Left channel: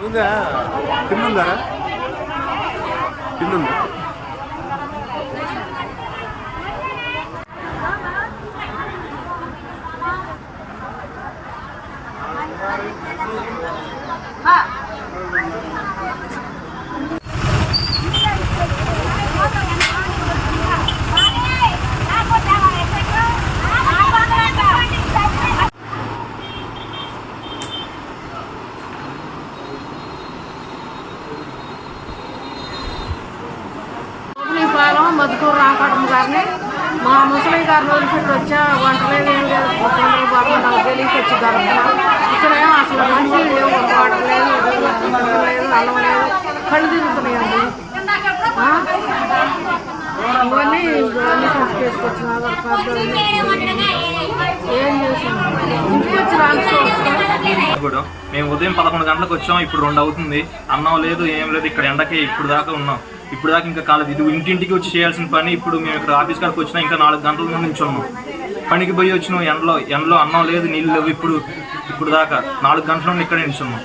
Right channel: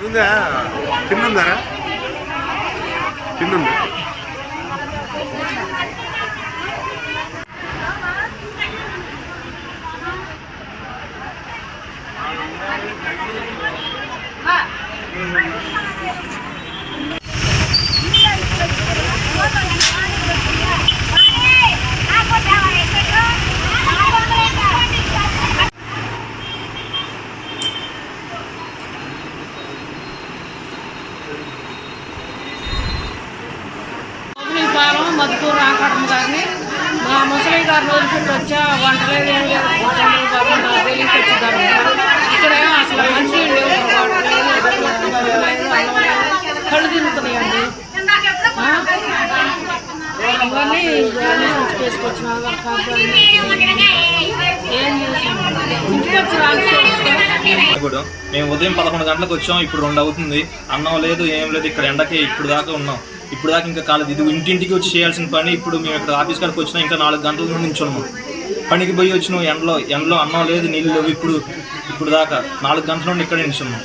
ఉందా? తిన్నుందారా? తిన్నుందా? పాలెం మధుకూరు రామకటం గారిని. మా ముసలి గారిని వదిలిపెట్టి వచ్చా వంటలేదు ఏం లేదు తొందరగా బాబు నాకు తెలియక వచ్చి దొరుకుతున్నా ఇక్కడేమో అసలు మంచి లేవు వాటర్ లేదు లేదు అన్నం లేదు కళ్ళు తిరుగుతున్నాయండి. ఇవన్నీ అన్ని సంచి చేసుకొచ్చిన ఆధార్ కార్డు ఏం చేసాం? ఇంటికి వచ్చి రాసుకోవచ్చు ఇప్పుడు మేము ఉదయం పదకొండు గంటలకు వచ్చాం ఇప్పుడు రెండు అవుతుంది. అన్నం లేదు ఏం లేదు ఇక్కడ ఎండకి ఇప్పుడు దాకా ఉన్నాం. ఇప్పుడు దాకా ఇంకా కాలేదు. ఇది ఇంటింటికి వచ్చి చేయాల్సిన పని. ఇప్పుడు మేము ఇక్కడ ఆఫీస్ కాడికి వచ్చినా ఇంకా నాలుగు గంటల నుండి నించున్నాం. పనికి పోయి వచ్చినాం. ఎండలో ఎండలో అన్నం లేదు నీళ్ళు లేవు. ఇప్పుడు ఇప్పుడు దాకా నాలుగు గంటల నుండి ఇక్కడ నించున్నాం.